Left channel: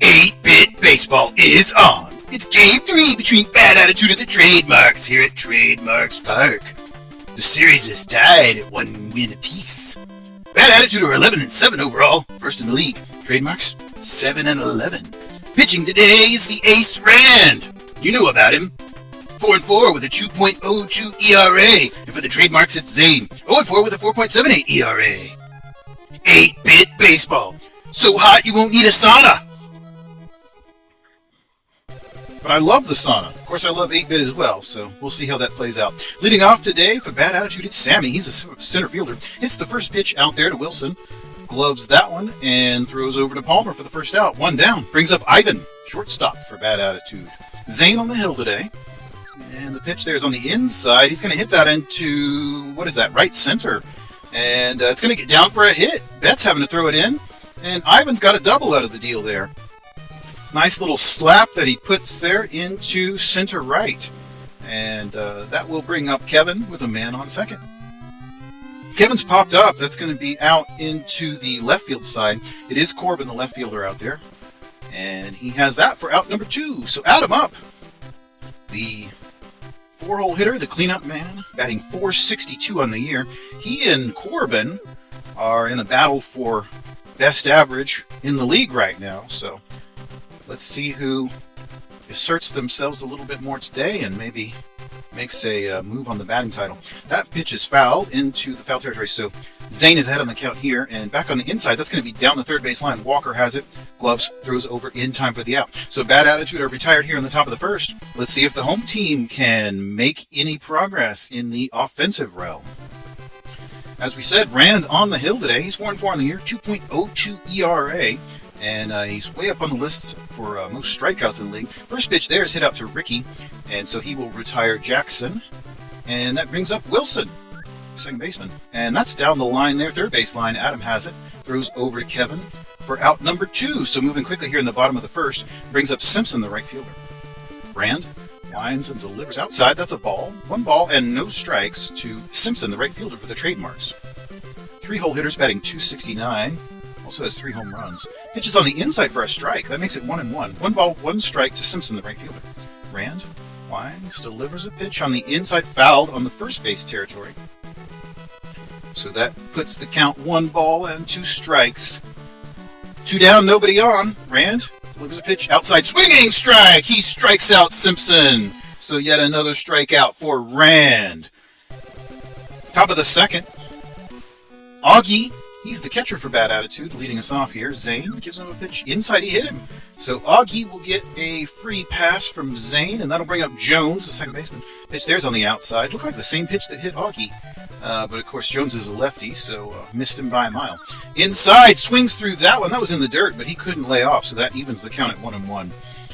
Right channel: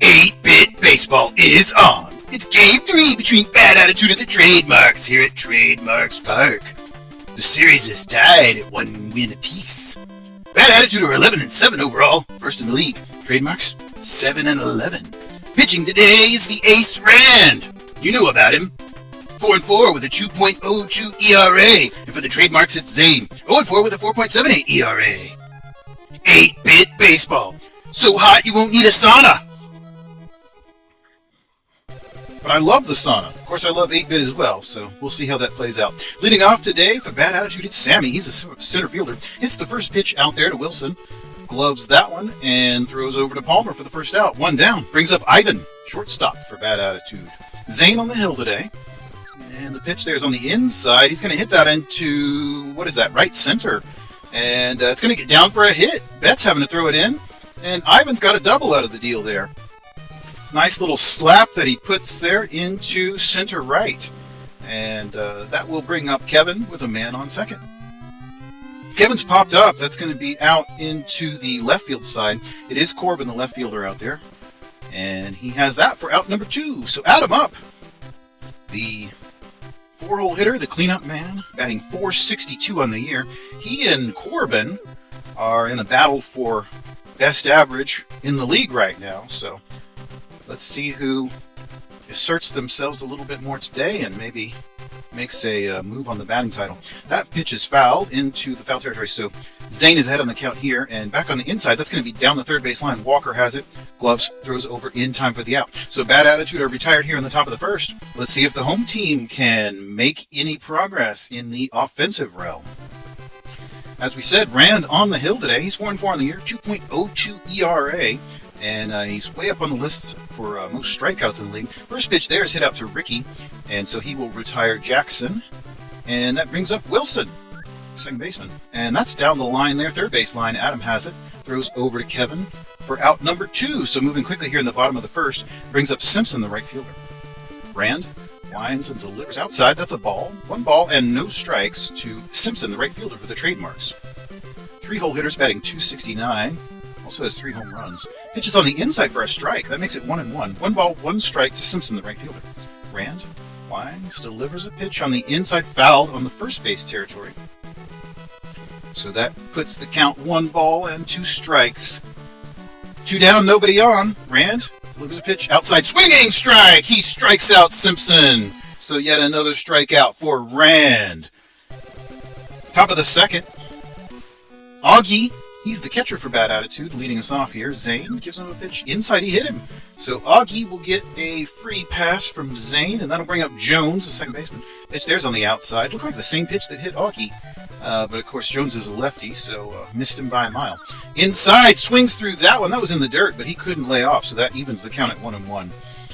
8-Bit Baseball is on. It's Game 3 between Bad Attitude and the Trademarks here at Trademarks Park. The series is tied at 1 win apiece. Bad Attitude are 11-7 overall, first in the league. Trademarks 7-11. Pitching today is the Ace Rand. You know about him. 4-4 with a 2.02 ERA. And for the Trademarks, it's Zane. 0-4 with a 4.78 ERA. 8-Bit Baseball. So hot you won't need a sauna. But I love the sauna. Of course, I love 8-Bit as well, so we'll see how that plays out. Leading off today for Bad Attitude, it's Sammy. He's a center fielder. Hits the first pitch out there to Wilson. Gloves that one and throws over to Palmer for the first out. 1 down. Brings up Ivan, shortstop for Bad Attitude. Zane on the hill today. And the pitch there's on the inside. He's going to hit that into, what is that, right center. And it's going to get down for a hit. Bet's having to throw it in. And Ivan's got a double out of the deal there. Nice little slap that he puts there into center right. And that will bring up Kevin with a man on second. Kevin's popped up. That's going to be out into the left field side. It is Corbin, the left fielder, out there. And he has that for out number 2. So add him up. The 4-hole hitter, the cleanup man, batting .462 on the year. He and Corbin are in a battle for best average in the league right now. So let's see who asserts themselves a little bit more today and maybe makes a move on the batting title. That pitch is fouled into the foul territory, so Zane is ahead on the count here, and back on the inside, that's going to be down the third base line. Walker has it. Gloves throws over in time for the out. So Bad Attitude are retired here in the top of the first. Let's see if the home team can make any progress in the offensive realm. As we said, Rand on the hill today. He's 4-4 on the year, 2.02 ERA. And he's way up on the lists for most strikeouts in the league. First pitch there is hit out to Ricky, and so he will retire Jackson. And that brings up Wilson, second baseman. And that's down the line there, third base line. Adam has it, throws over to Kevin for out number 2. So moving quickly here in the bottom of the first, brings up Simpson, the right fielder. Rand winds and delivers outside. That's a ball. 1 ball and no strikes to Simpson, the right fielder for the Trademarks. 3-hole hitters batting .269. Also has 3 home runs. Pitches on the inside for a strike. That makes it 1-1. 1 ball, 1 strike to Simpson, the right fielder. Rand winds, delivers a pitch on the inside, fouled on the first base territory. So that puts the count 1 ball and 2 strikes. 2 down, nobody on. Rand delivers a pitch outside, swinging strike. He strikes out Simpson. So yet another strikeout for Rand. Top of the second. Augie. He's the catcher for Bad Attitude, leading us off here. Zane gives him a pitch inside. He hit him. So Augie will get a free pass from Zane, and that'll bring up Jones, the second baseman. Pitch there's on the outside. Looked like the same pitch that hit Augie. But, of course, Jones is a lefty, so missed him by a mile. Inside, swings through that one. That was in the dirt, but he couldn't lay off, so that evens the count at 1-1.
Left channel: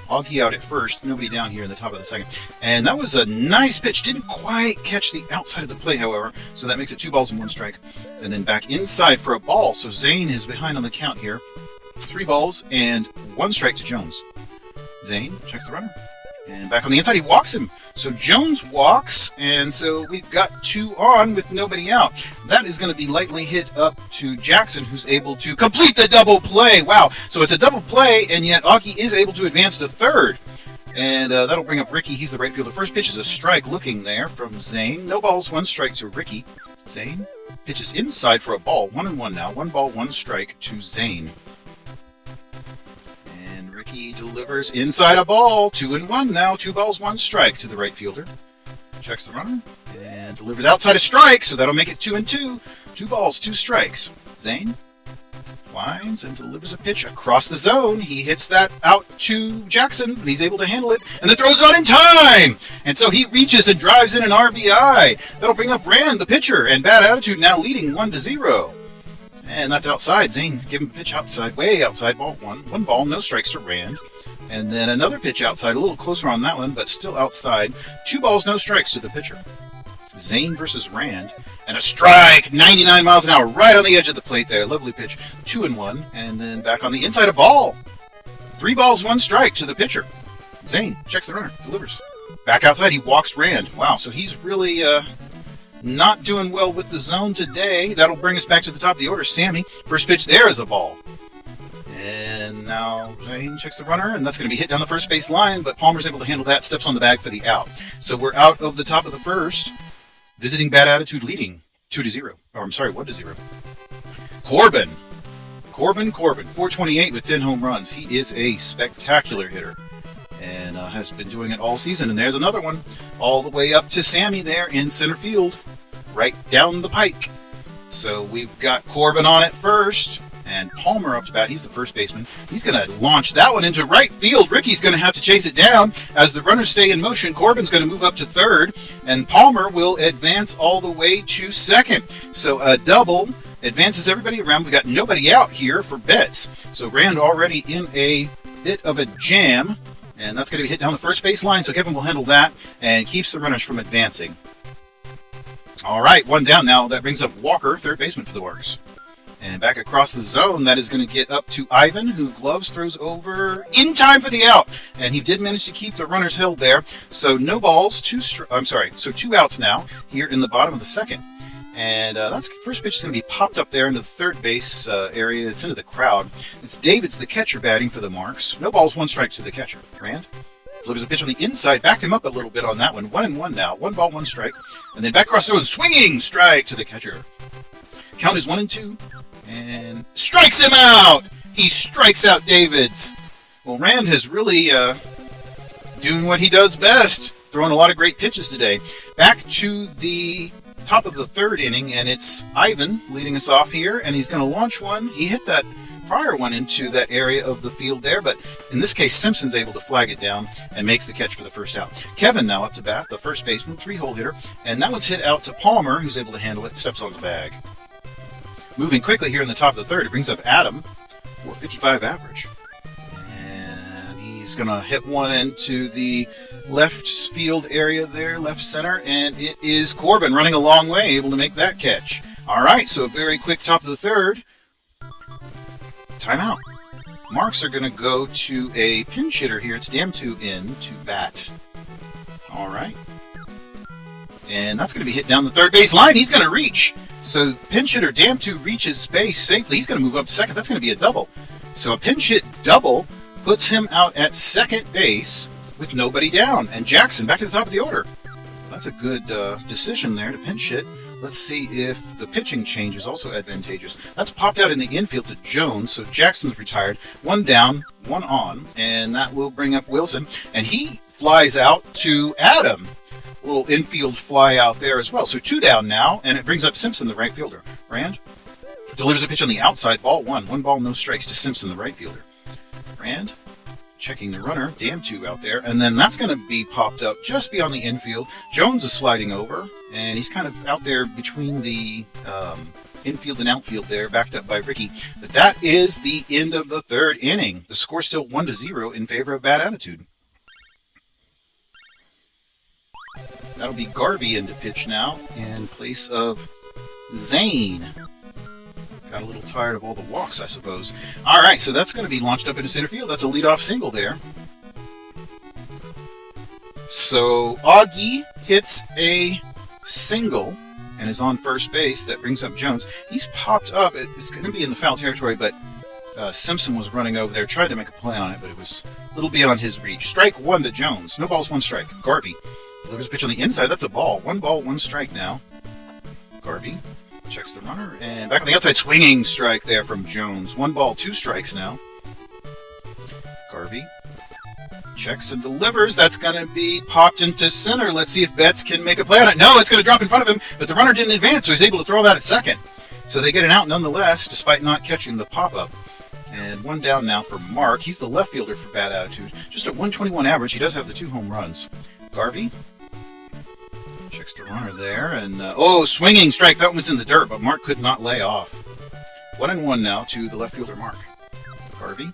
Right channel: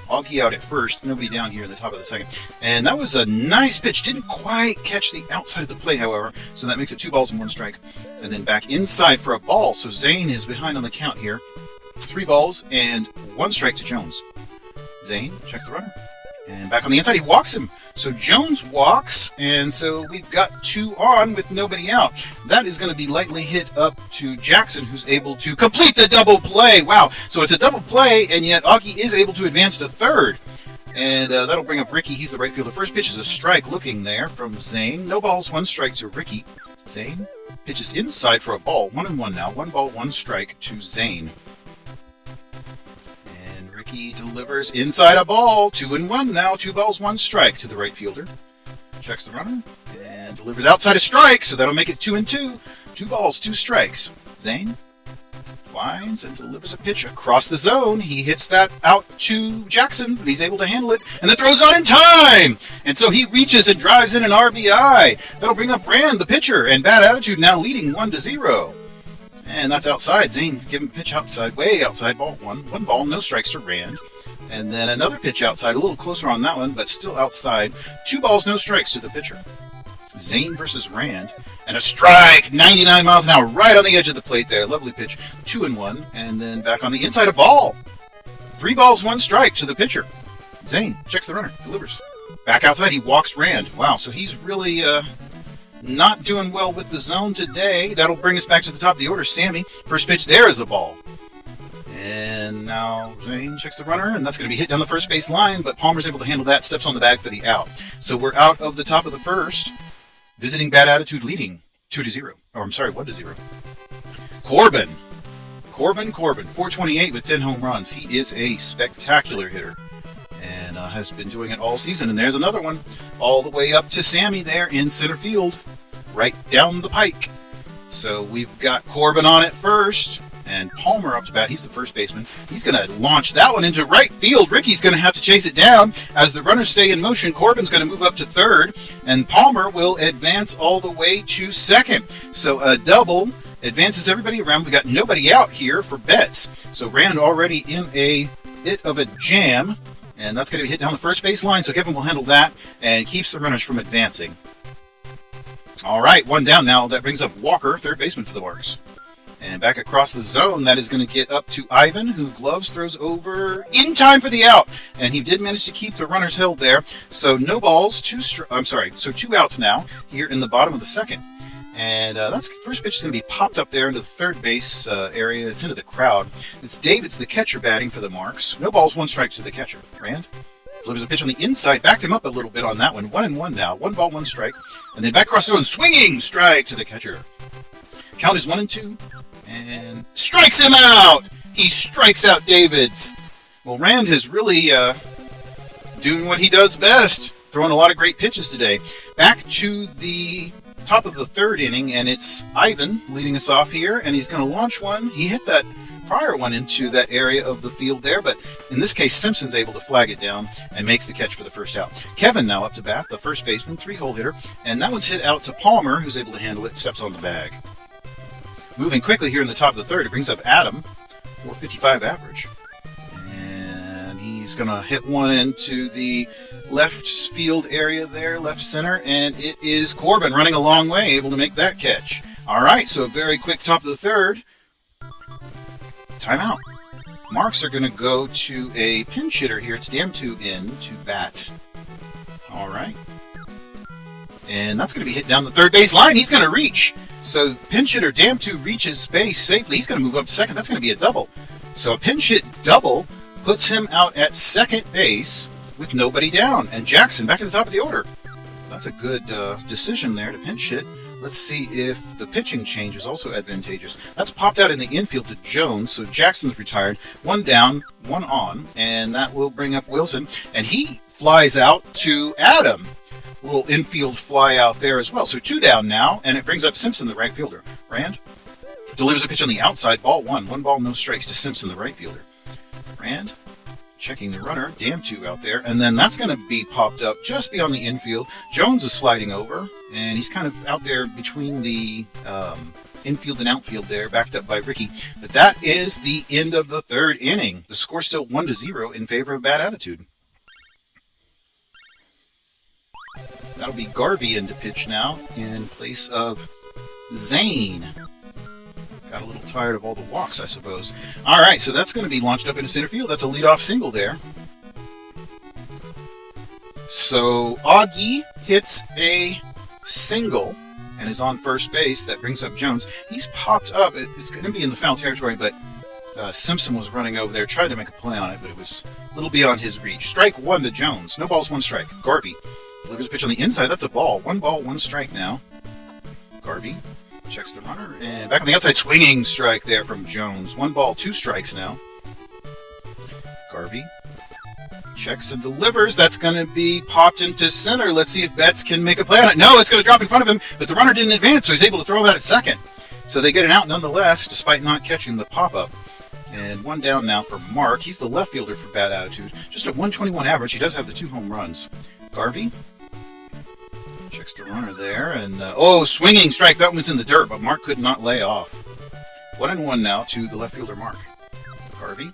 Augie out at first, nobody down here in the top of the second. And that was a nice pitch. Didn't quite catch the outside of the plate, however, so that makes it 2 balls and 1 strike. And then back inside for a ball, so Zane is behind on the count here. 3 balls and 1 strike to Jones. Zane checks the runner. And back on the inside, he walks him. So Jones walks, and so we've got 2 on with nobody out. That is going to be lightly hit up to Jackson, who's able to complete the double play. Wow. So it's a double play, and yet Augie is able to advance to third. And that'll bring up Ricky. He's the right fielder. First pitch is a strike looking there from Zane. No balls, 1 strike to Ricky. Zane pitches inside for a ball. 1-1 now. 1 ball, 1 strike to Zane. He delivers inside a ball. 2-1 now. 2 balls, 1 strike to the right fielder. Checks the runner and delivers outside a strike, so that'll make it 2-2. 2 balls, 2 strikes. Zane winds and delivers a pitch across the zone. He hits that out to Jackson, but he's able to handle it, and the throw's on in time. And so he reaches and drives in an RBI. That'll bring up Rand, the pitcher, and Bad Attitude now leading 1-0. And that's outside. Zane giving a pitch outside, way outside, ball 1. 1 ball, no strikes to Rand. And then another pitch outside, a little closer on that one, but still outside. 2 balls, no strikes to the pitcher. Zane versus Rand. And a strike, 99 miles an hour, right on the edge of the plate there. Lovely pitch, 2-1. And then back on the inside, a ball. 3 balls, 1 strike to the pitcher. Zane checks the runner, delivers. Back outside, he walks Rand. Wow, so he's really not doing well with the zone today. That'll bring us back to the top of the order. Sammy, first pitch there is a ball. And now Zane checks the runner, and that's going to be hit down the first base line, but Palmer's able to handle that, steps on the bag for the out. So we're out of the top of the first. Visiting Bad Attitude leading 2-0. Or I'm sorry, 1-0. Corbin, 428 with 10 home runs. He is a spectacular hitter and has been doing it all season. And there's another one all the way up to Sammy there in center field, right down the pike. So we've got Corbin on it first, and Palmer up to bat. He's the first baseman. He's going to launch that one into right field. Ricky's going to have to chase it down. As the runners stay in motion, Corbin's going to move up to third, and Palmer will advance all the way to second. So a double advances everybody around. We got nobody out here for bets. So Rand already in a bit of a jam, and that's going to be hit down the first base line. So Kevin will handle that and keeps the runners from advancing. All right, one down now. That brings up Walker, third baseman for the Warriors. And back across the zone, that is going to get up to Ivan, who gloves throws over in time for the out. And he did manage to keep the runners held there. So no balls, two outs now here in the bottom of the second. And that's first pitch is going to be popped up there into the third base area. It's into the crowd. It's David's the catcher batting for the Marks. No balls, one strike to the catcher. Rand delivers a pitch on the inside, backed him up a little bit on that one. 1-1 now. 1 ball, 1 strike. And then back across the zone, swinging strike to the catcher. Count is 1-2. And strikes him out! He strikes out Davids. Well, Rand is really doing what he does best, throwing a lot of great pitches today. Back to the top of the third inning, and it's Ivan leading us off here, and he's going to launch one. He hit that prior one into that area of the field there, but in this case, Simpson's able to flag it down and makes the catch for the first out. Kevin now up to bat, the first baseman, 3-hole hitter, and that one's hit out to Palmer, who's able to handle it, steps on the bag. Moving quickly here in the top of the third, it brings up Adam, 455 average. And he's going to hit one into the left field area there, left center, and it is Corbin running a long way, able to make that catch. All right, so a very quick top of the third. Timeout. Marks are going to go to a pinch hitter here. It's Damtu in to bat. All right. And that's going to be hit down the third base line. He's going to reach. So pinch hitter Damtu reaches base safely. He's going to move up to second. That's going to be a double. So a pinch hit double puts him out at second base with nobody down. And Jackson back to the top of the order. That's a good decision there to pinch hit. Let's see if the pitching change is also advantageous. That's popped out in the infield to Jones, so Jackson's retired. 1 down, 1 on, and that will bring up Wilson. And he flies out to Adam. A little infield fly out there as well. So 2 down now, and it brings up Simpson, the right fielder. Rand delivers a pitch on the outside, ball 1. 1 ball, no strikes to Simpson, the right fielder. Rand checking the runner, Damtu out there, and then that's going to be popped up just beyond the infield. Jones is sliding over, and he's kind of out there between the infield and outfield there, backed up by Ricky. But that is the end of the third inning. The score's still 1-0 in favor of Bad Attitude. That'll be Garvey in to pitch now in place of Zane. Got a little tired of all the walks, I suppose. All right, so that's going to be launched up into center field. That's a leadoff single there. So Augie hits a single and is on first base. That brings up Jones. He's popped up. It's going to be in the foul territory, but Simpson was running over there, tried to make a play on it, but it was a little beyond his reach. Strike 1 to Jones. No balls, 1 strike. Garvey delivers a pitch on the inside. That's a ball. 1 ball, 1 strike now. Garvey checks the runner, and back on the outside, swinging strike there from Jones. 1 ball, 2 strikes now. Garvey checks and delivers. That's going to be popped into center. Let's see if Betts can make a play on it. No, it's going to drop in front of him, but the runner didn't advance, so he's able to throw him out at second. So they get an out nonetheless, despite not catching the pop-up. And 1 down now for Mark. He's the left fielder for Bad Attitude. Just at 121 average. He does have the 2 home runs. Garvey checks the runner there, and swinging strike. That one was in the dirt, but Mark could not lay off. 1-1 now to the left fielder, Mark. Garvey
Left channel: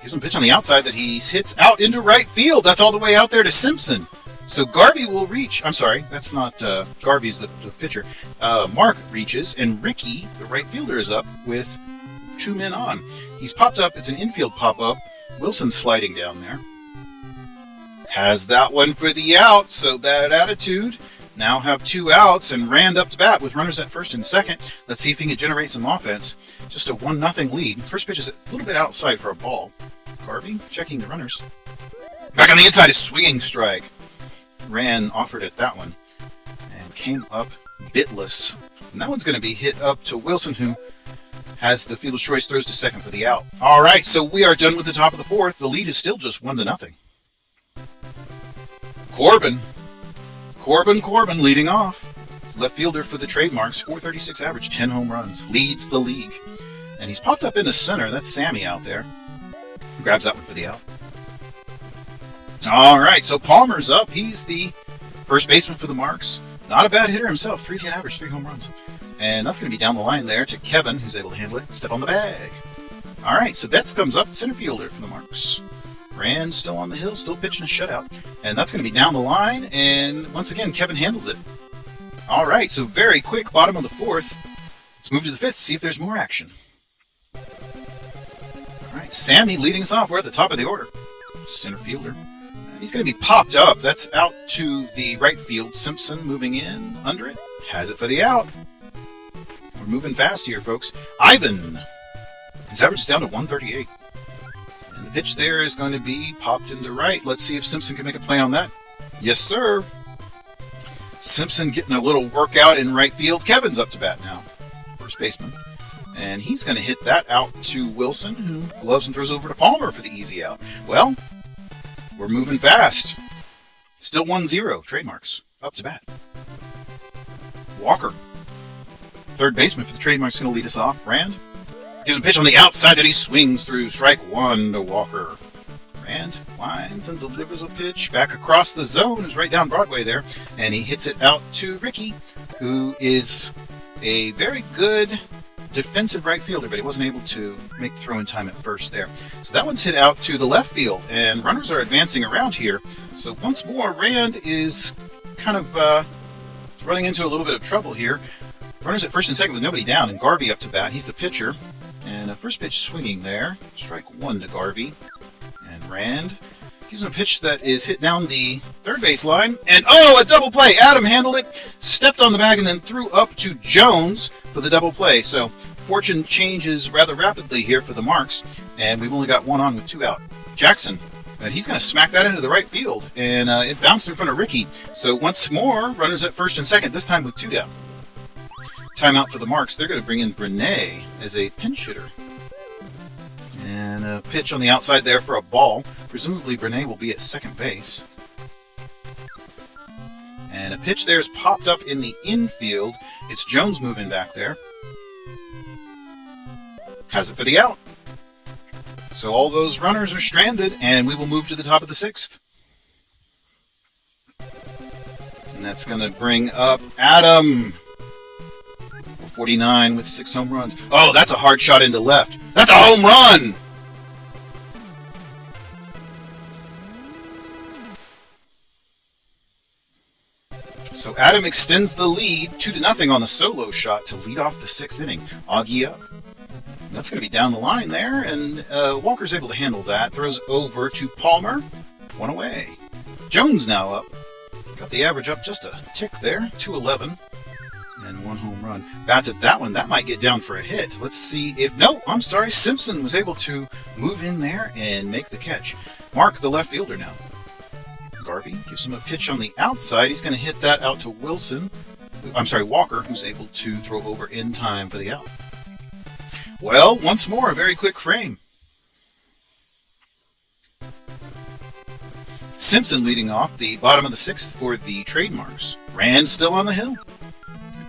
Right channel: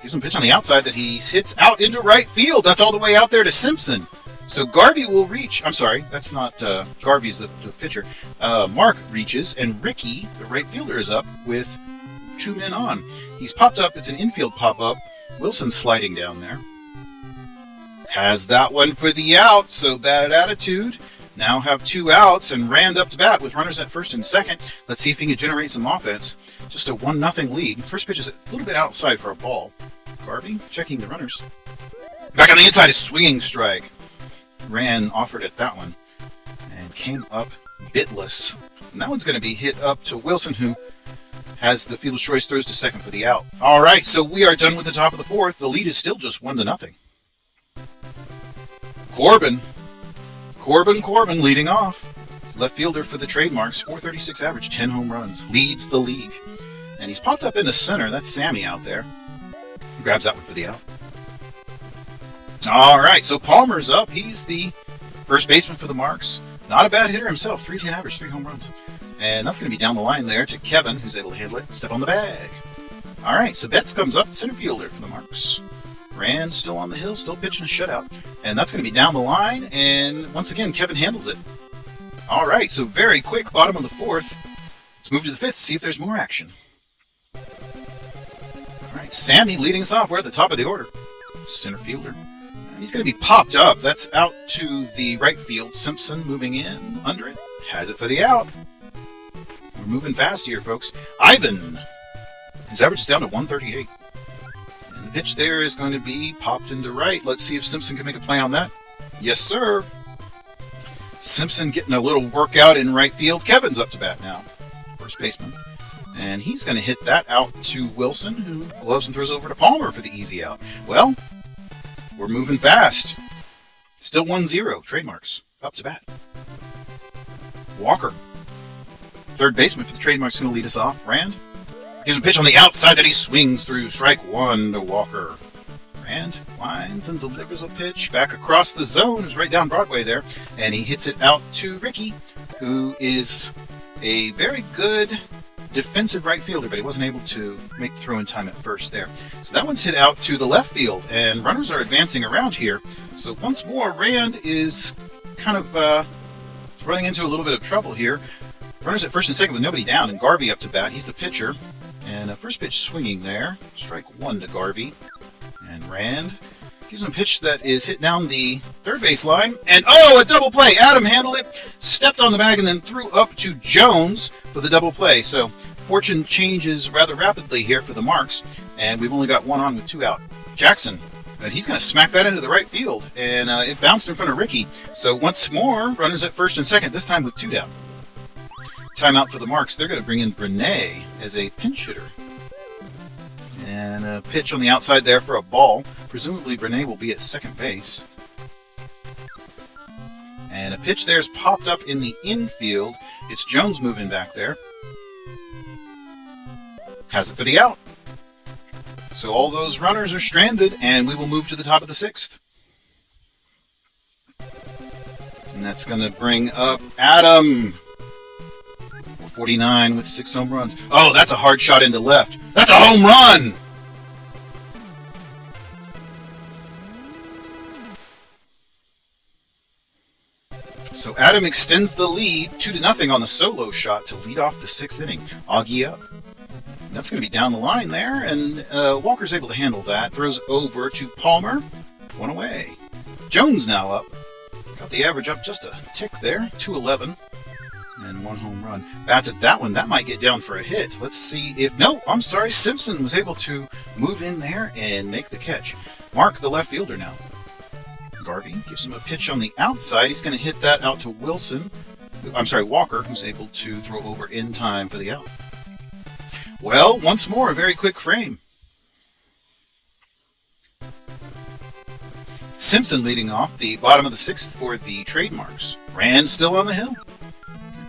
gives him a pitch on the outside that he hits out into right field. That's all the way out there to Simpson. So Garvey will reach. I'm sorry, that's not Garvey's the pitcher. Mark reaches, and Ricky, the right fielder, is up with 2 men on. He's popped up. It's an infield pop-up. Wilson's sliding down there. Has that one for the out, so Bad Attitude now have 2 outs, and Rand up to bat with runners at first and second. Let's see if he can generate some offense. Just a 1-0 lead. First pitch is a little bit outside for a ball. Garvey checking the runners. Back on the inside, a swinging strike. Rand offered at that one and came up bitless. And that one's going to be hit up to Wilson, who has the fielder's choice, throws to second for the out. All right, so we are done with the top of the fourth. The lead is still just 1-0. Corbin leading off. Left fielder for the Trademarks, 436 average, 10 home runs. Leads the league. And he's popped up into center. That's Sammy out there. Grabs that one for the out. All right, so Palmer's up. He's the first baseman for the Marks. Not a bad hitter himself, 310 average, 3 home runs. And that's going to be down the line there to Kevin, who's able to handle it. Step on the bag. All right, so Betts comes up, the center fielder for the Marks. Rand still on the hill, still pitching a shutout. And that's going to be down the line, and once again, Kevin handles it. All right, so very quick, bottom of the fourth. Let's move to the fifth, see if there's more action. All right, Sammy leading us off. We're at the top of the order. Center fielder. And he's going to be popped up. That's out to the right field. Simpson moving in, under it. Has it for the out. We're moving fast here, folks. Ivan. His average is down to 138. And the pitch there is going to be popped into right. Let's see if Simpson can make a play on that. Yes, sir. Simpson getting a little workout in right field. Kevin's up to bat now. First baseman. And he's going to hit that out to Wilson, who gloves and throws over to Palmer for the easy out. Well, we're moving fast. Still 1-0. Trademarks. Up to bat. Walker. Third baseman for the Trademarks, going to lead us off. Rand gives a pitch on the outside that he swings through. Strike 1 to Walker. Rand lines and delivers a pitch back across the zone. Who's right down Broadway there. And he hits it out to Ricky, who is a very good defensive right fielder, but he wasn't able to make the throw in time at first there. So that one's hit out to the left field, and runners are advancing around here. So once more, Rand is kind of running into a little bit of trouble here. Runners at first and second with nobody down, and Garvey up to bat. He's the pitcher. And a first pitch swinging there. Strike 1 to Garvey. And Rand gives him a pitch that is hit down the third base line. And oh, a double play. Adam handled it, stepped on the bag, and then threw up to Jones for the double play. So fortune changes rather rapidly here for the Marks. And we've only got 1 on with 2 out. Jackson. But he's going to smack that into the right field. And it bounced in front of Ricky. So once more, runners at first and second, this time with 2 down. Timeout for the Marks. They're going to bring in Brene as a pinch hitter. And a pitch on the outside there for a ball. Presumably Brene will be at second base. And a pitch there's popped up in the infield. It's Jones moving back there. Has it for the out. So all those runners are stranded, and we will move to the top of the sixth. And that's going to bring up Adam. 49 with 6 home runs. Oh, that's a hard shot into left. That's a home run! So Adam extends the lead 2-0 on the solo shot to lead off the 6th inning. Augie up. That's going to be down the line there, and Walker's able to handle that. Throws over to Palmer. 1 away. Jones now up. Got the average up just a tick there. 211. And 1 home run. Bats at that one. That might get down for a hit. Let's see if... No, I'm sorry. Simpson was able to move in there and make the catch. Mark, the left fielder now. Garvey gives him a pitch on the outside. He's going to hit that out to Wilson. I'm sorry, Walker, who's able to throw over in time for the out. Well, once more, a very quick frame. Simpson leading off the bottom of the 6th for the Trademarks. Rand still on the hill.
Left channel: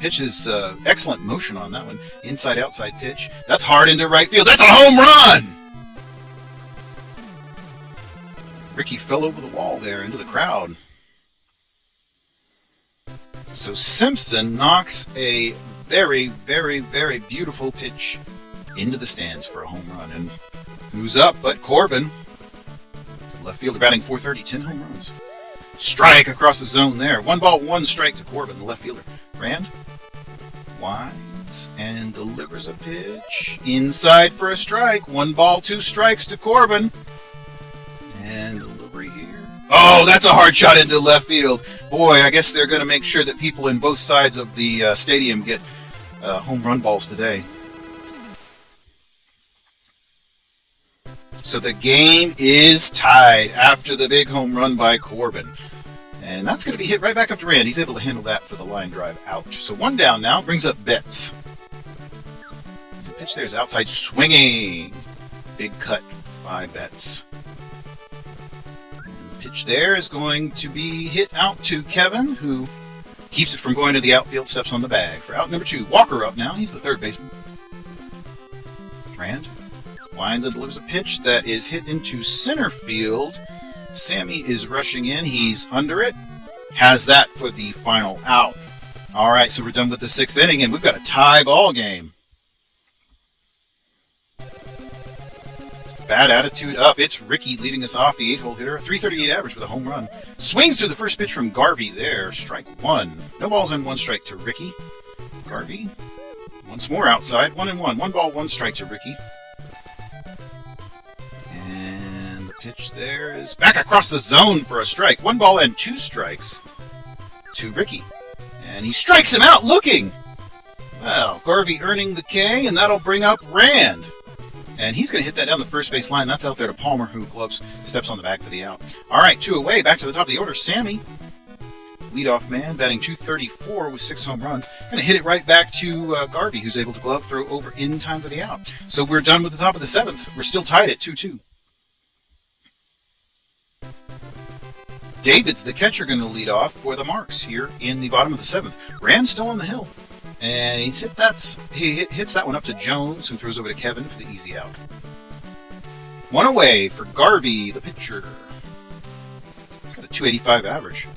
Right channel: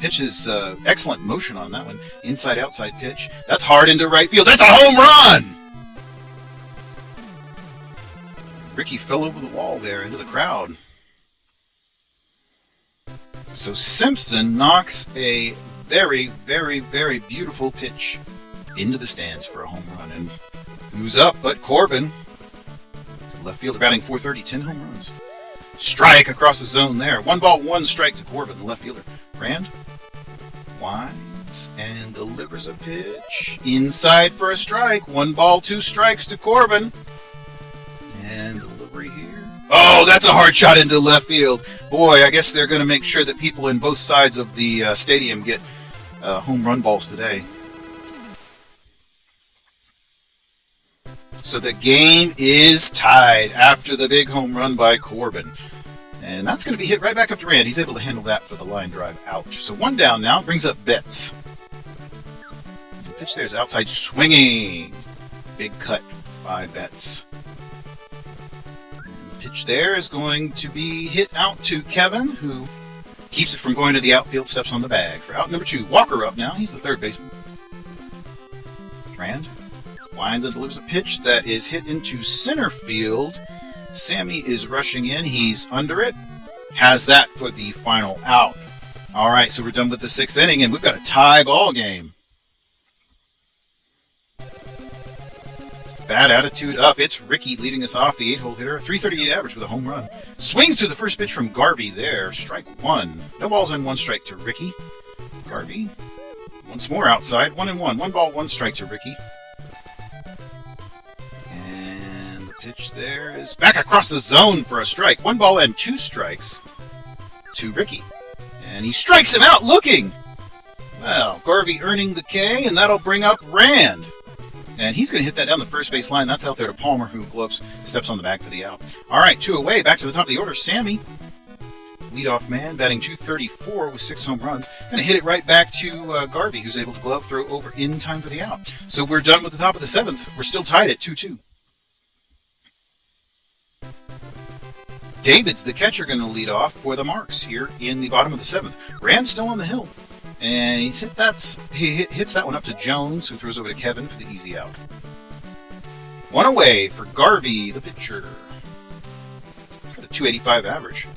Pitch is excellent motion on that one. Inside-outside pitch. That's hard into right field. That's a home run! Ricky fell over the wall there into the crowd. So Simpson knocks a very, very, very beautiful pitch into the stands for a home run. And who's up but Corbin? Left fielder batting .430, 10 home runs. Strike across the zone there. 1 ball, 1 strike to Corbin, the left fielder. Rand winds and delivers a pitch. Inside for a strike. 1 ball, 2 strikes to Corbin. And delivery here. Oh, that's a hard shot into left field. Boy, I guess they're going to make sure that people in both sides of the stadium get home run balls today. So the game is tied after the big home run by Corbin. And that's going to be hit right back up to Rand. He's able to handle that for the line drive out. So one down now, brings up Betts. The pitch there is outside swinging. Big cut by Betts. The pitch there is going to be hit out to Kevin, who keeps it from going to the outfield, steps on the bag. For out number 2, Walker up now. He's the third baseman. Rand winds and delivers a pitch that is hit into center field. Sammy is rushing in. He's under it. Has that for the final out. All right, so we're done with the 6th inning, and we've got a tie ball game. Bad attitude up. It's Ricky leading us off, the 8-hole hitter. 338 average with a home run. Swings through the first pitch from Garvey there. Strike 1. No balls and 1 strike to Ricky. Garvey once more outside. 1-1. 1 ball, 1 strike to Ricky. There is back across the zone for a strike. 1 ball and 2 strikes to Ricky. And he strikes him out looking. Well, Garvey earning the K, and that'll bring up Rand. And he's going to hit that down the first base line. That's out there to Palmer, who steps on the back for the out. All right, 2 away. Back to the top of the order. Sammy, leadoff man, batting .234 with 6 home runs. Going to hit it right back to Garvey, who's able to glove throw over in time for the out. So we're done with the top of the 7th. We're still tied at 2-2. David's the catcher going to lead off for the Marks here in the bottom of the 7th. Rand's still on the hill. And he hits that one up to Jones, who throws over to Kevin for the easy out. 1 away for Garvey, the pitcher. He's got a .285 average.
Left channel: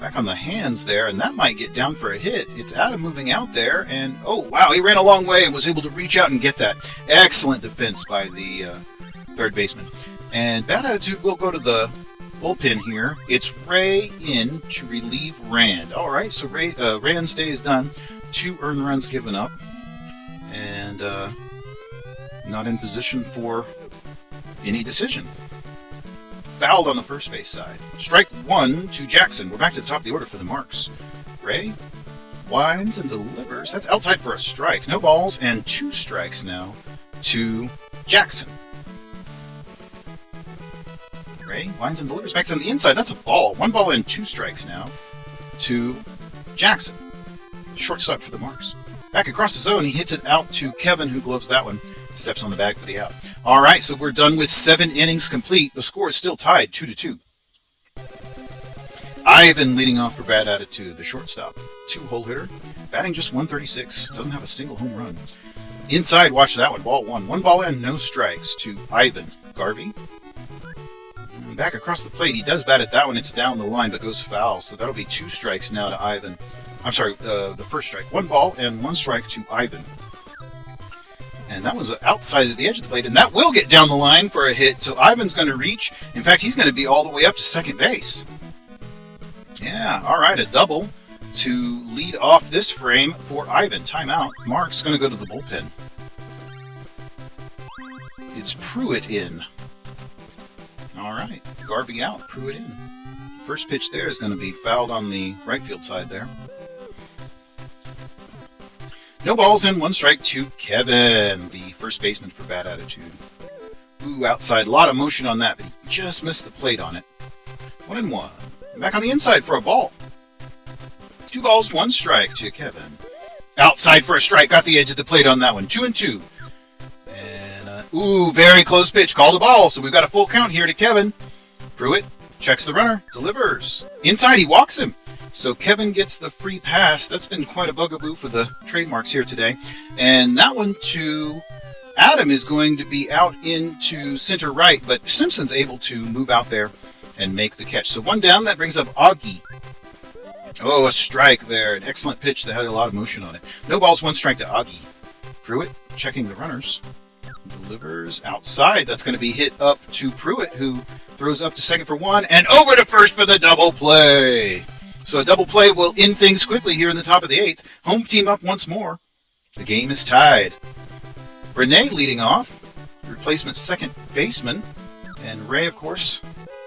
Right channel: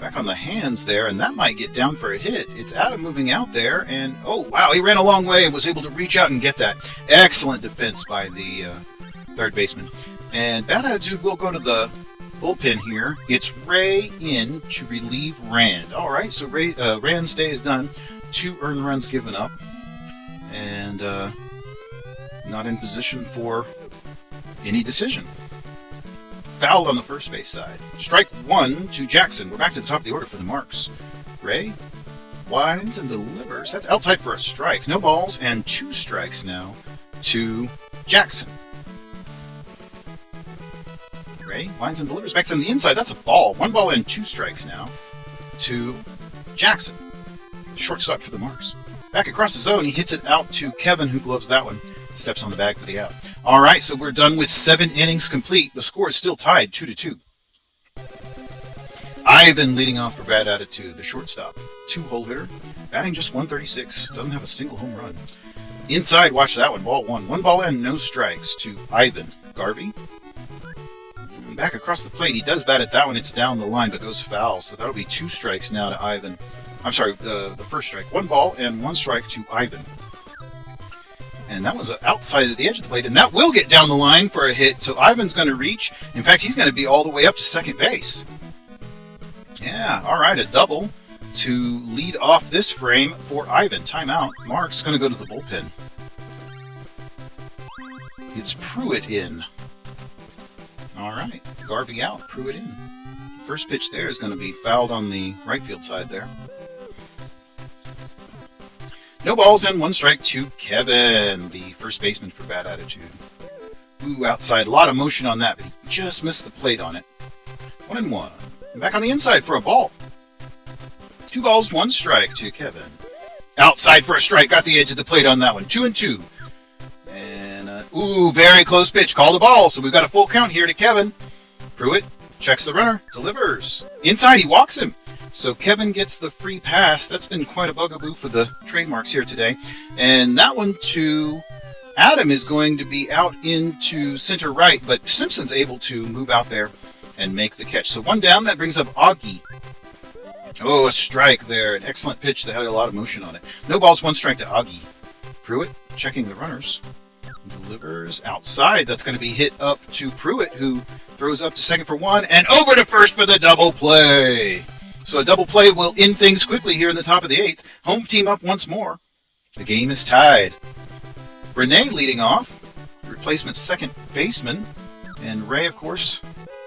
Back on the hands there, and that might get down for a hit. It's Adam moving out there, and oh wow, he ran a long way and was able to reach out and get that. Excellent defense by the third baseman. And bad attitude will go to the bullpen here. It's Ray in to relieve Rand. All right, so Rand's day is done. 2 earned runs given up, and not in position for any decision. Fouled on the first base side. Strike 1 to Jackson. We're back to the top of the order for the Marks. Ray winds and delivers. That's outside for a strike. No balls and 2 strikes now to Jackson. Ray winds and delivers back to the inside. That's a ball. 1 ball and 2 strikes now to Jackson. Shortstop for the Marks. Back across the zone, he hits it out to Kevin, who gloves that one. Steps on the bag for the out. All right, so we're done with 7 innings complete. The score is still tied 2-2. Ivan leading off for bad attitude, the shortstop. 2-hole hitter, batting just .136. Doesn't have a single home run. Inside, watch that one. Ball 1. 1 ball and no strikes to Ivan. Garvey. And back across the plate, he does bat at that one. It's down the line, but goes foul. So that'll be 2 strikes now to Ivan. I'm sorry, the first strike. 1 ball and 1 strike to Ivan. And that was outside of the edge of the plate, and that will get down the line for a hit. So Ivan's going to reach. In fact, he's going to be all the way up to second base. Yeah, all right, a double to lead off this frame for Ivan. Timeout. Mark's going to go to the bullpen. It's Pruitt in. All right, Garvey out, Pruitt in. First pitch there is going to be fouled on the right field side there. No balls and 1 strike to Kevin, the first baseman for bad attitude. Ooh, outside. A lot of motion on that, but he just missed the plate on it. 1-1. Back on the inside for a ball. 2 balls, 1 strike to Kevin. Outside for a strike. Got the edge of the plate on that one. 2-2. And, ooh, very close pitch. Called a ball, so we've got a full count here to Kevin. Pruitt checks the runner. Delivers. Inside, he walks him. So Kevin gets the free pass. That's been quite a bugaboo for the trademarks here today. And that one to Adam is going to be out into center right, but Simpson's able to move out there and make the catch. So 1 down, that brings up Augie. Oh, a strike there. An excellent pitch that had a lot of motion on it. No balls, 1 strike to Augie. Pruitt checking the runners. Delivers outside. That's going to be hit up to Pruitt, who throws up to second for 1 and over to first for the double play. So a double play will end things quickly here in the top of the 8th. Home team up once more. The game is tied. Renee leading off. Replacement second baseman. And Ray, of course,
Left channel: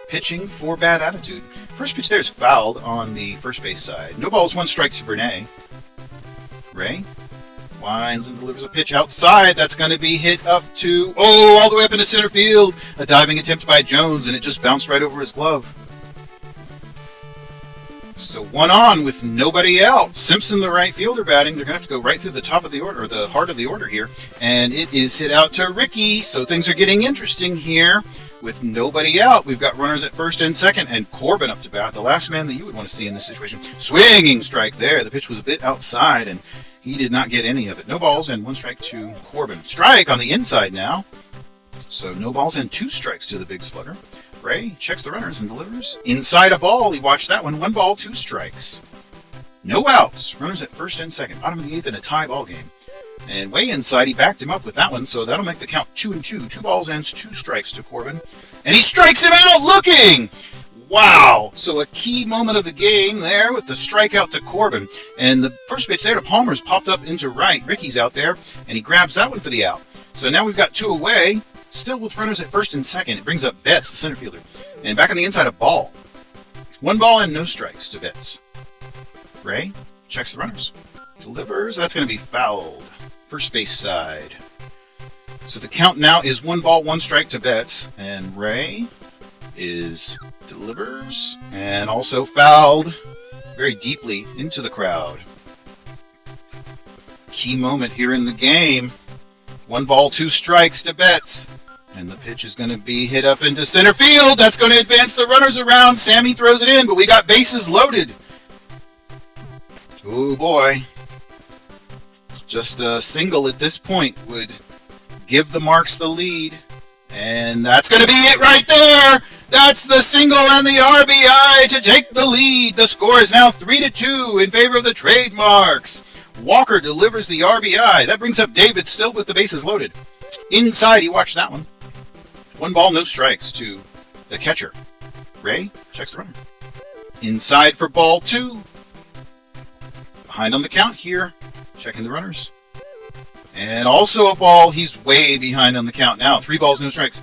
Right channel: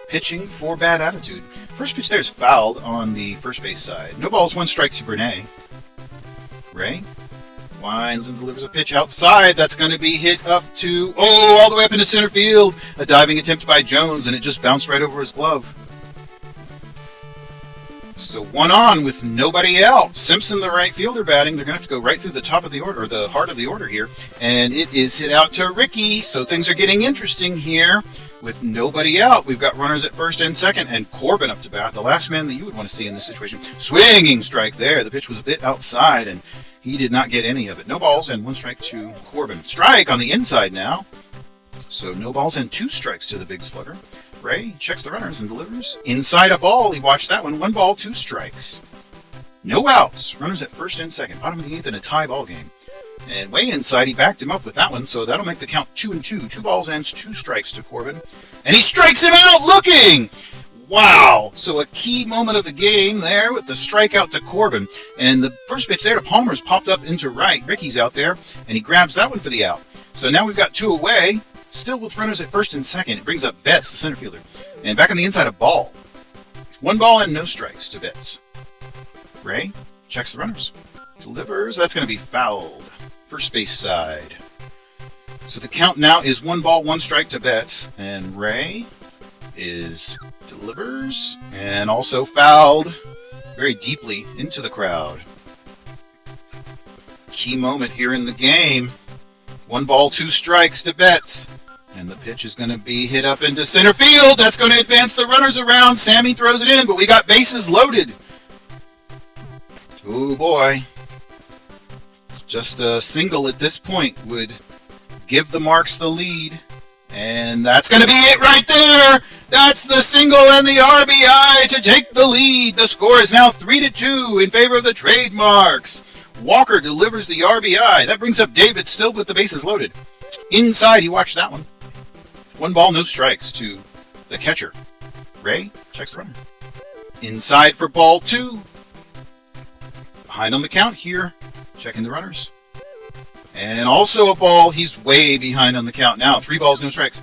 pitching for bad attitude. First pitch there is fouled on the first base side. No balls, 1 strike to Brene. Ray winds and delivers a pitch outside. That's going to be hit up to, all the way up into center field. A diving attempt by Jones, and it just bounced right over his glove. So 1 on with nobody out. Simpson, the right fielder, batting. They're going to have to go right through the top of the order, or the heart of the order here. And it is hit out to Ricky. So things are getting interesting here. With nobody out, we've got runners at first and second, and Corbin up to bat, the last man that you would want to see in this situation. Swinging strike there. The pitch was a bit outside, and he did not get any of it. No balls and 1 strike to Corbin. Strike on the inside now. So no balls and 2 strikes to the big slugger. Ray checks the runners and delivers. Inside a ball. He watched that one. 1 ball, 2 strikes. No outs. Runners at first and second. Bottom of the 8th in a tie ball game. And way inside, he backed him up with that one, so that'll make the count 2-2. 2 balls and 2 strikes to Corbin. And he strikes him out looking! Wow! So a key moment of the game there with the strikeout to Corbin. And the first pitch there to Palmer's popped up into right. Ricky's out there, and he grabs that one for the out. So now we've got 2 away, still with runners at first and second. It brings up Betts, the center fielder. And back on the inside, a ball. 1 ball and no strikes to Betts. Ray checks the runners. Delivers. That's going to be fouled. First base side. So the count now is 1 ball, 1 strike to Betts. And Ray delivers and also fouled very deeply into the crowd. Key moment here in the game. 1 ball, 2 strikes to Betts. And the pitch is going to be hit up into center field. That's going to advance the runners around. Sammy throws it in, but we got bases loaded. Oh boy. Just a single at this point would give the Marks the lead. And that's going to be it right there. That's the single and the RBI to take the lead. The score is now 3-2 in favor of the Trademarks. Walker delivers the RBI. That brings up David, still with the bases loaded. Inside, you watch that one. 1 ball, no strikes to the catcher. Ray checks the runner. Inside for ball 2. Behind on the count here. Checking the runners. And also a ball. He's way behind on the count now. 3 balls, no strikes.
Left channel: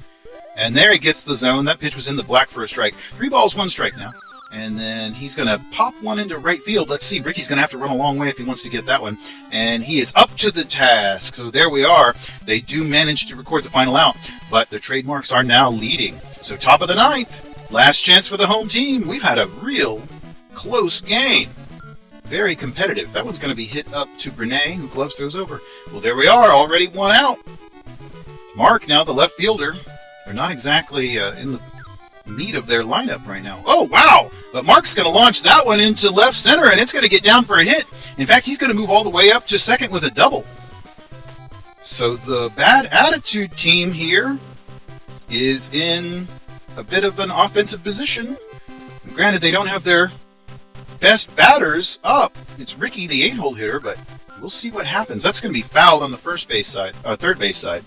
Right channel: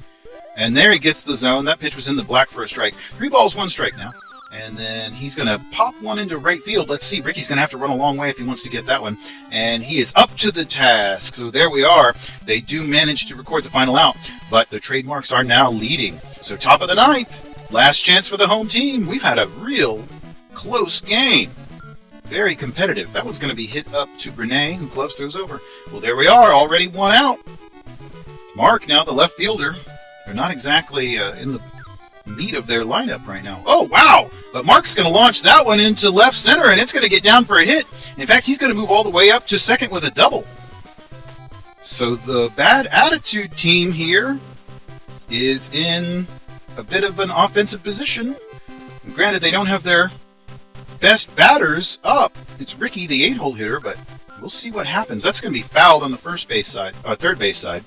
And there he gets the zone. That pitch was in the black for a strike. 3 balls, 1 strike now. And then he's going to pop one into right field. Let's see. Ricky's going to have to run a long way if he wants to get that one. And he is up to the task. So there we are. They do manage to record the final out. But the Trademarks are now leading. So top of the 9th. Last chance for the home team. We've had a real close game. Very competitive. That one's going to be hit up to Brene, who gloves throws over. Well, there we are. Already 1 out. Mark, now the left fielder. They're not exactly in the meat of their lineup right now. Oh, wow! But Mark's going to launch that one into left center, and it's going to get down for a hit. In fact, he's going to move all the way up to second with a double. So the bad attitude team here is in a bit of an offensive position. Granted, they don't have their best batters up. It's Ricky, the 8-hole hitter, but we'll see what happens. That's going to be fouled on the third base side.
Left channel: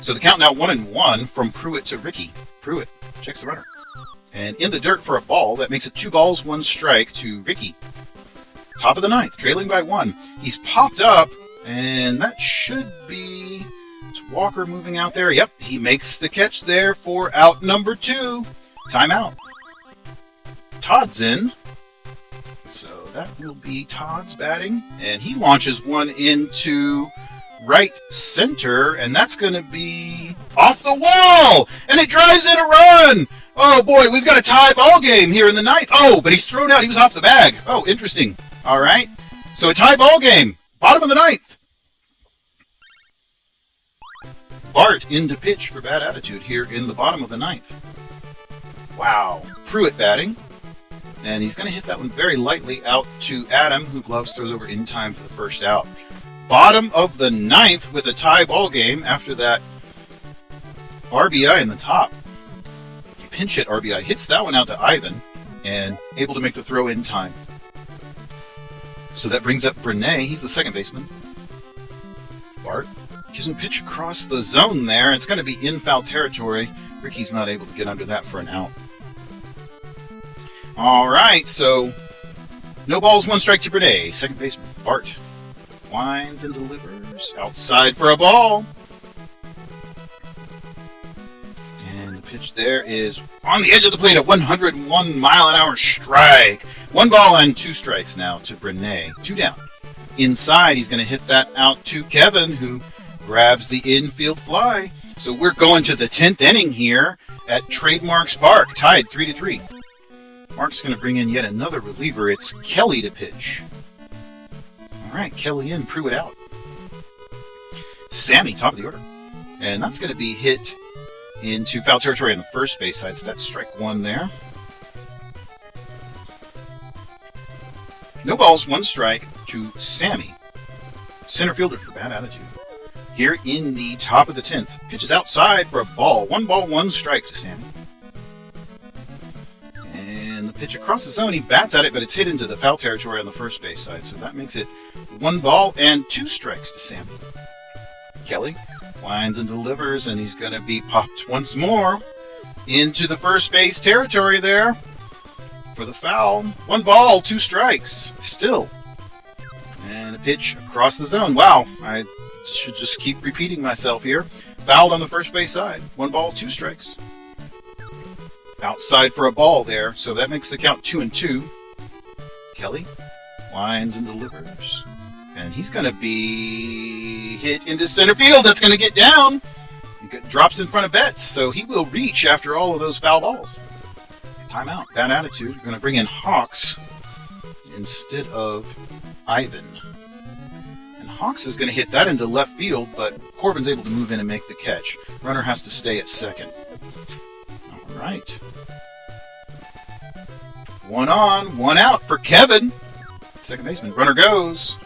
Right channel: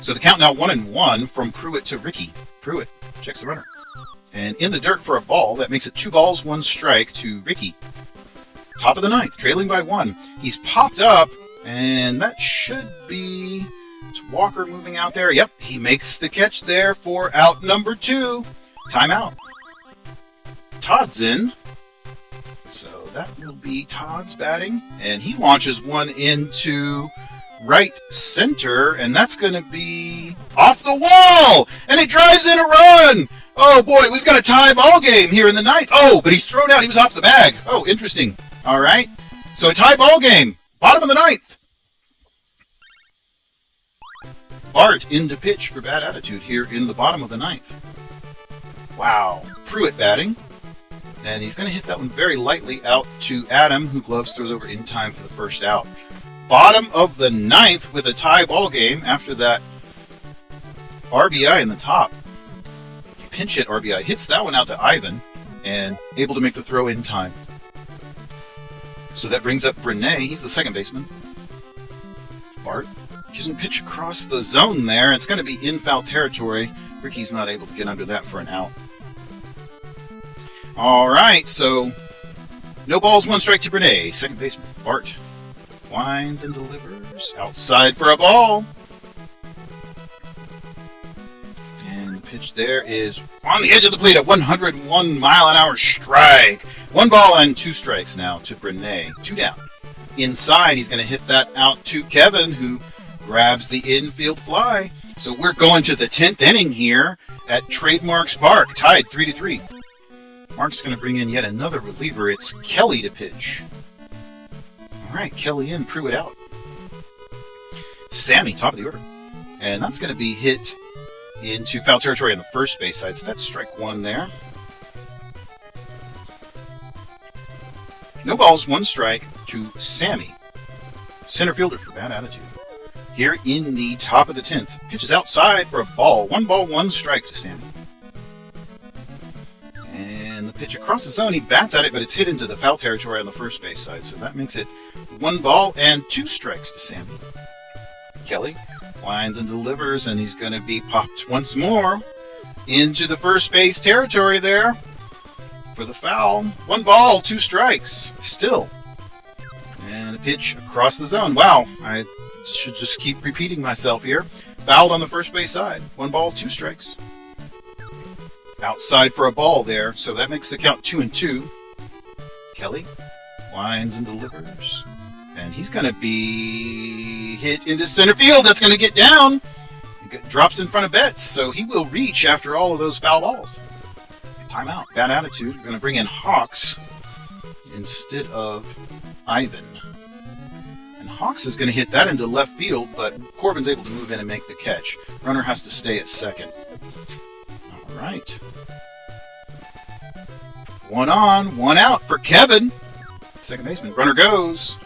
So the count now 1-1 from Pruitt to Ricky. Pruitt checks the runner. And in the dirt for a ball. That makes it 2 balls, 1 strike to Ricky. Top of the 9th, trailing by 1. He's popped up, and that should be... It's Walker moving out there. Yep, he makes the catch there for out number 2. Timeout. Todd's in. So that will be Todd's batting. And he launches one into right center, and that's going to be off the wall, and it drives in a run. Oh boy, we've got a tie ball game here in the 9th. Oh, but he's thrown out. He was off the bag. Oh, interesting. All right. So a tie ball game. Bottom of the 9th. Bart into pitch for bad attitude here in the bottom of the 9th. Wow. Pruitt batting. And he's going to hit that one very lightly out to Adam, who gloves throws over in time for the first out. Bottom of the 9th with a tie ball game after that RBI in the top. Pinch hit RBI. Hits that one out to Ivan and able to make the throw in time. So that brings up Brene. He's the second baseman. Bart gives him pitch across the zone there. It's going to be in foul territory. Ricky's not able to get under that for an out. All right, so no balls, 1 strike to Brene. Second baseman Bart winds and delivers outside for a ball. And the pitch pitch there is on the edge of the plate, a 101-mile-an-hour strike. 1 ball and 2 strikes now to Brene. 2 down. Inside, he's going to hit that out to Kevin, who grabs the infield fly. So we're going to the 10th inning here at Trademarks Park, tied 3-3. Mark's going to bring in yet another reliever. It's Kelly to pitch. All right, Kelly in, Pruitt out. Sammy, top of the order. And that's going to be hit into foul territory on the first base side. So that's strike 1 there. No balls, 1 strike to Sammy. Center fielder for bad attitude. Here in the top of the 10th. Pitches outside for a ball. 1 ball, 1 strike to Sammy. And the pitch across the zone. He bats at it, but it's hit into the foul territory on the first base side. So that makes it 1 ball and 2 strikes to Sammy. Kelly winds and delivers, and he's going to be popped once more into the first base territory there for the foul. 1 ball, 2 strikes. Still. And a pitch across the zone. Wow, I should just keep repeating myself here. Fouled on the first base side. 1 ball, 2 strikes. Outside for a ball there, so that makes the count 2-2. Kelly winds and delivers. And he's going to be hit into center field. That's going to get down. It drops in front of Betts, so he will reach after all of those foul balls. Timeout. Bad attitude. We're going to bring in Hawks instead of Ivan. And Hawks is going to hit that into left field, but Corbin's able to move in and make the catch. Runner has to stay at second. All right. 1 on, 1 out for Kevin. Second baseman. Runner goes.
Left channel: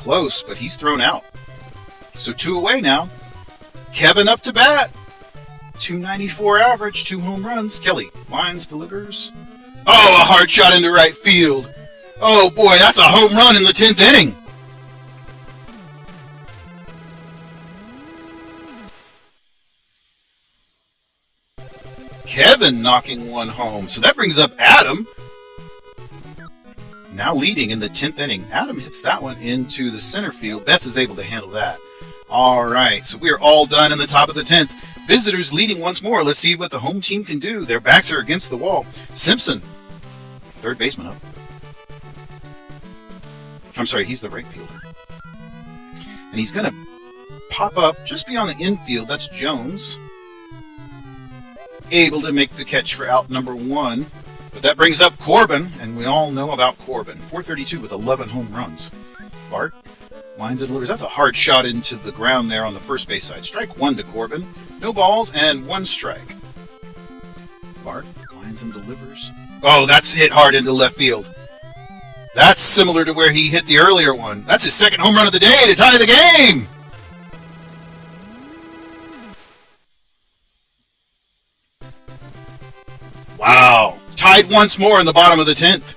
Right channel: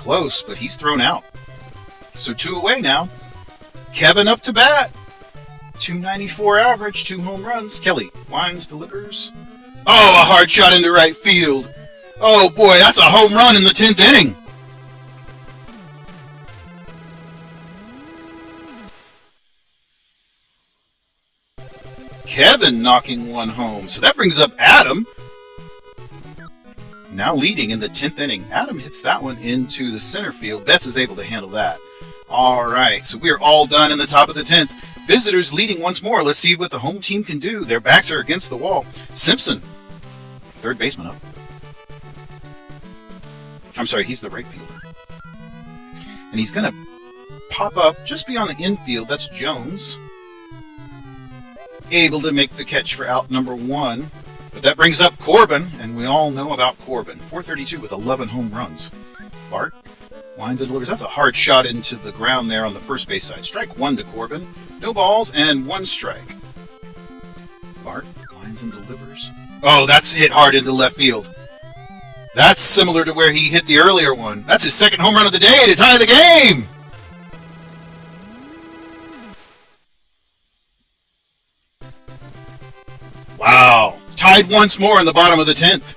Close, but he's thrown out. So 2 away now. Kevin up to bat. 294 average, 2 home runs. Kelly winds, delivers. Oh, a hard shot into right field. Oh boy, that's a home run in the 10th inning. Kevin knocking 1 home. So that brings up Adam. Now leading in the 10th inning. Adam hits that one into the center field. Betts is able to handle that. All right, so we're all done in the top of the 10th. Visitors leading once more. Let's see what the home team can do. Their backs are against the wall. Simpson, third baseman up. I'm sorry, he's the right fielder. And he's going to pop up just beyond the infield. That's Jones. Able to make the catch for out number 1. But that brings up Corbin, and we all know about Corbin. 432 with 11 home runs. Bart winds and delivers. That's a hard shot into the ground there on the first base side. Strike 1 to Corbin. No balls and 1 strike. Bart winds and delivers. Oh, that's hit hard into left field. That's similar to where he hit the earlier one. That's his 2nd home run of the day to tie the game. Wow. Tied once more in the bottom of the 10th.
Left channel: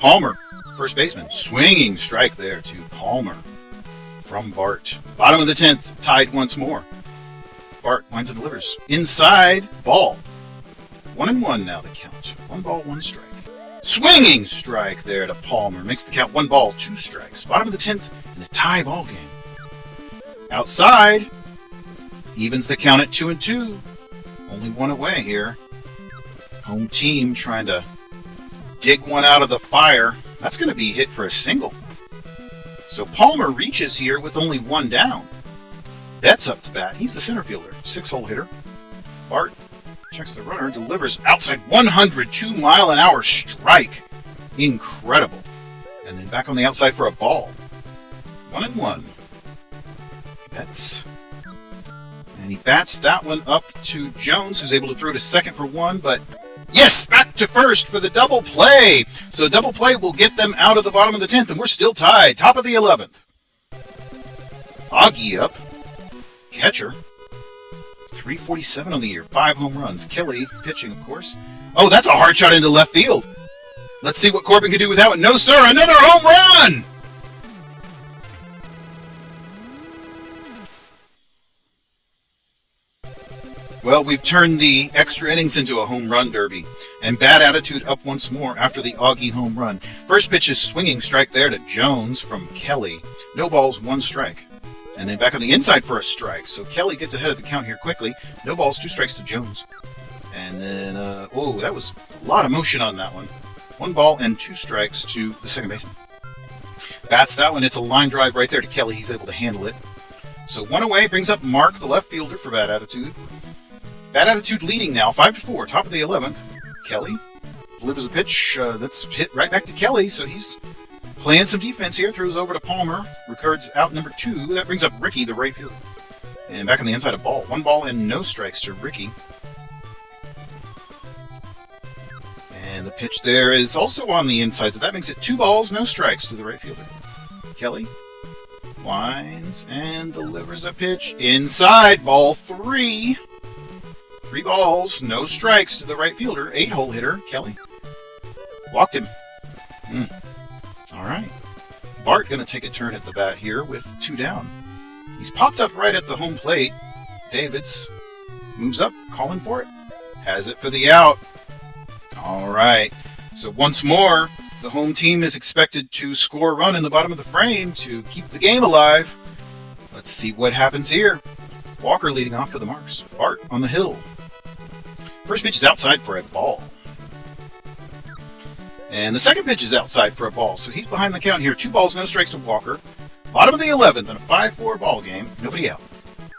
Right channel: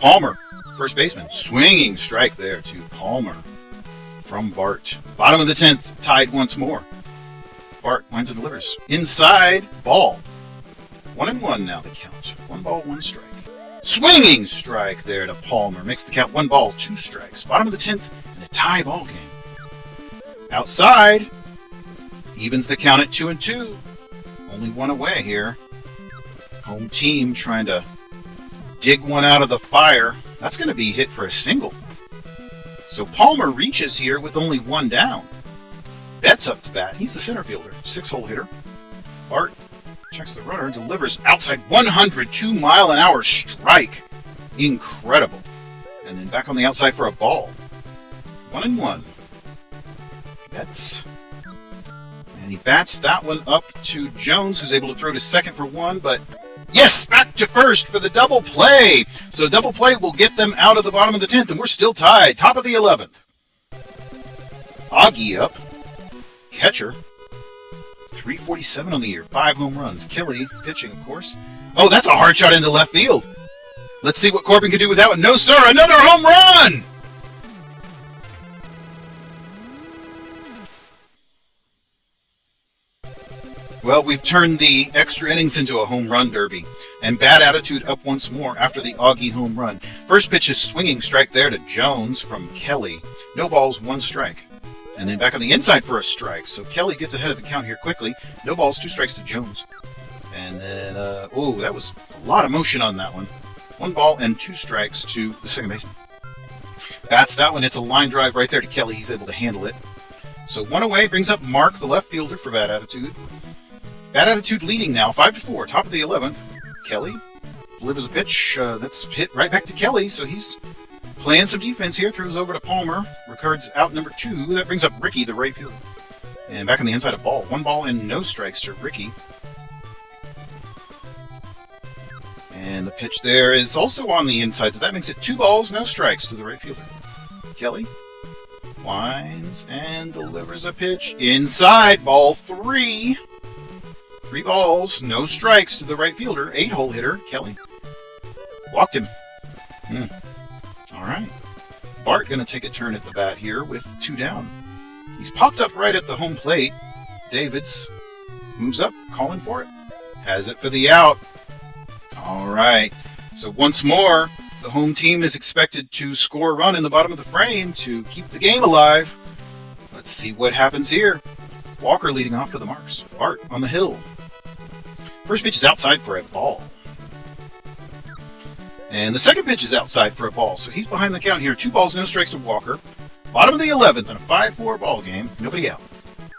Palmer, first baseman, swinging strike there to Palmer from Bart. Bottom of the 10th, tied once more. Bart winds and delivers. Inside, ball. 1-1 now the count. 1 ball, 1 strike. Swinging strike there to Palmer. Makes the count 1 ball, 2 strikes. Bottom of the 10th, and a tie ball game. Outside, evens the count at 2-2. Only 1 away here. Home team trying to dig one out of the fire. That's going to be hit for a single. So Palmer reaches here with only 1 down. Betts up to bat. He's the center fielder. 6-hole hitter. Bart checks the runner and delivers outside 102-mile-an-hour strike. Incredible. And then back on the outside for a ball. 1-1. Betts. And he bats that one up to Jones, who's able to throw to second for 1, but yes, back to first for the double play. So double play will get them out of the bottom of the 10th, and we're still tied. Top of the 11th. Augie up. Catcher. 347 on the year. 5 home runs. Kelly pitching, of course. Oh, that's a hard shot into left field. Let's see what Corbin can do with that one. No, sir. Another home run. Well, we've turned the extra innings into a home run derby. And bad attitude up once more after the Augie home run. First pitch is swinging strike there to Jones from Kelly. No balls, 1 strike. And then back on the inside for a strike. So Kelly gets ahead of the count here quickly. No balls, 2 strikes to Jones. And then, whoa, that was a lot of motion on that one. 1 ball and 2 strikes to the second baseman. Bats that one. It's a line drive right there to Kelly. He's able to handle it. So 1 away brings up Mark, the left fielder, for Bad Attitude. Bad Attitude leading now, 5-4, top of the 11th. Kelly delivers a pitch that's hit right back to Kelly, so he's playing some defense here. Throws over to Palmer. Records out number 2. That brings up Ricky, the right fielder. And back on the inside of ball. 1 ball and no strikes to Ricky. And the pitch there is also on the inside, so that makes it 2 balls, no strikes to the right fielder. Kelly winds and delivers a pitch inside, ball 3. 3 balls, no strikes to the right fielder. 8-hole hitter, Kelly. Walked him. All right. Bart going to take a turn at the bat here with 2 down. He's popped up right at the home plate. Davids moves up, calling for it. Has it for the out. All right. So once more, the home team is expected to score a run in the bottom of the frame to keep the game alive. Let's see what happens here. Walker leading off for the Marks. Bart on the hill. First pitch is outside for a ball. And the second pitch is outside for a ball. So he's behind the count here. 2 balls, no strikes to Walker. Bottom of the 11th in a 5-4 ball game. Nobody out.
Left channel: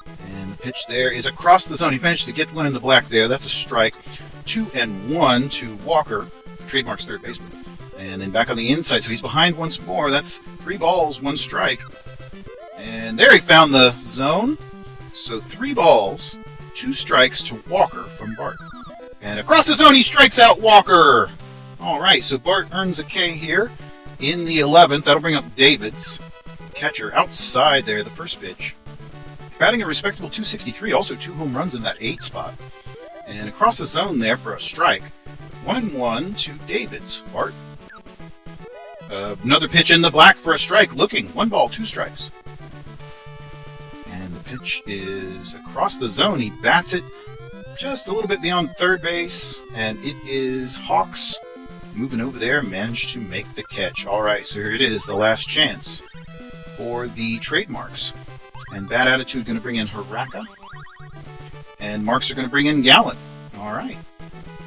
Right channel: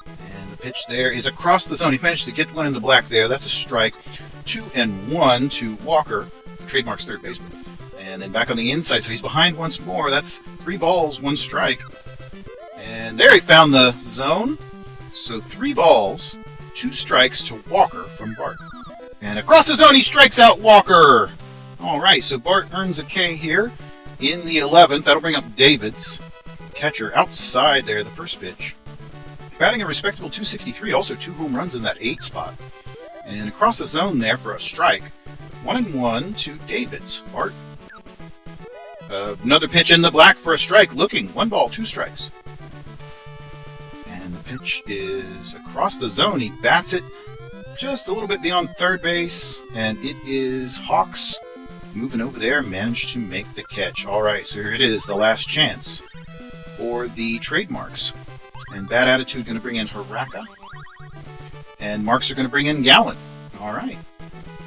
And the pitch there is across the zone. He managed to get one in the black there. That's a strike. 2-1 to Walker, Trademark's third baseman. And then back on the inside, so he's behind once more. That's 3 balls, 1 strike. And there he found the zone. So 3 balls, 2 strikes to Walker from Bart. And across the zone, he strikes out Walker. All right, so Bart earns a K here in the 11th. That'll bring up Davids, catcher, outside there, the first pitch. Batting a respectable .263, also 2 home runs in that 8 spot. And across the zone there for a strike. 1-1 to Davids. Bart. Another pitch in the black for a strike. Looking. 1 ball, 2 strikes. And the pitch is across the zone. He bats it just a little bit beyond third base. And it is Hawks moving over there. Managed to make the catch. All right, so here it is. The last chance for the Trademarks. And Bad Attitude going to bring in Haraka. And Marks are going to bring in Gallant. All right.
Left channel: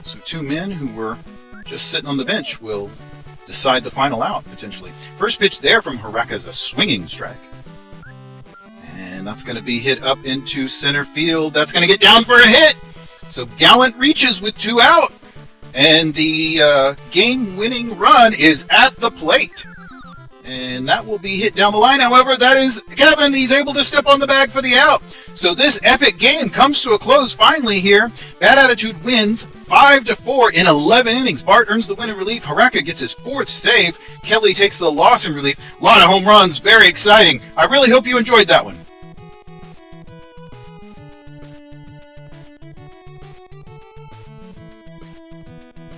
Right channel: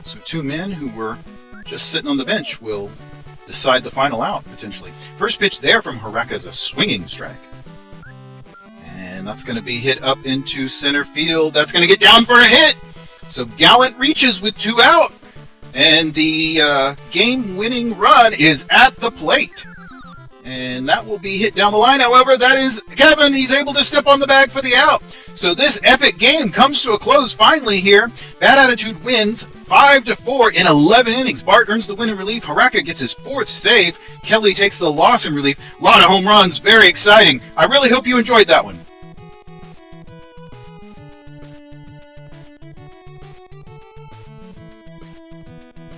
So 2 men who were just sitting on the bench will decide the final out, potentially. First pitch there from Haraka is a swinging strike. And that's going to be hit up into center field. That's going to get down for a hit. So Gallant reaches with 2 out. And the game-winning run is at the plate. And that will be hit down the line. However, that is Kevin. He's able to step on the bag for the out. So this epic game comes to a close finally here. Bad Attitude wins 5-4 in 11 innings. Bart earns the win in relief. Haraka gets his 4th save. Kelly takes the loss in relief. A lot of home runs. Very exciting. I really hope you enjoyed that one.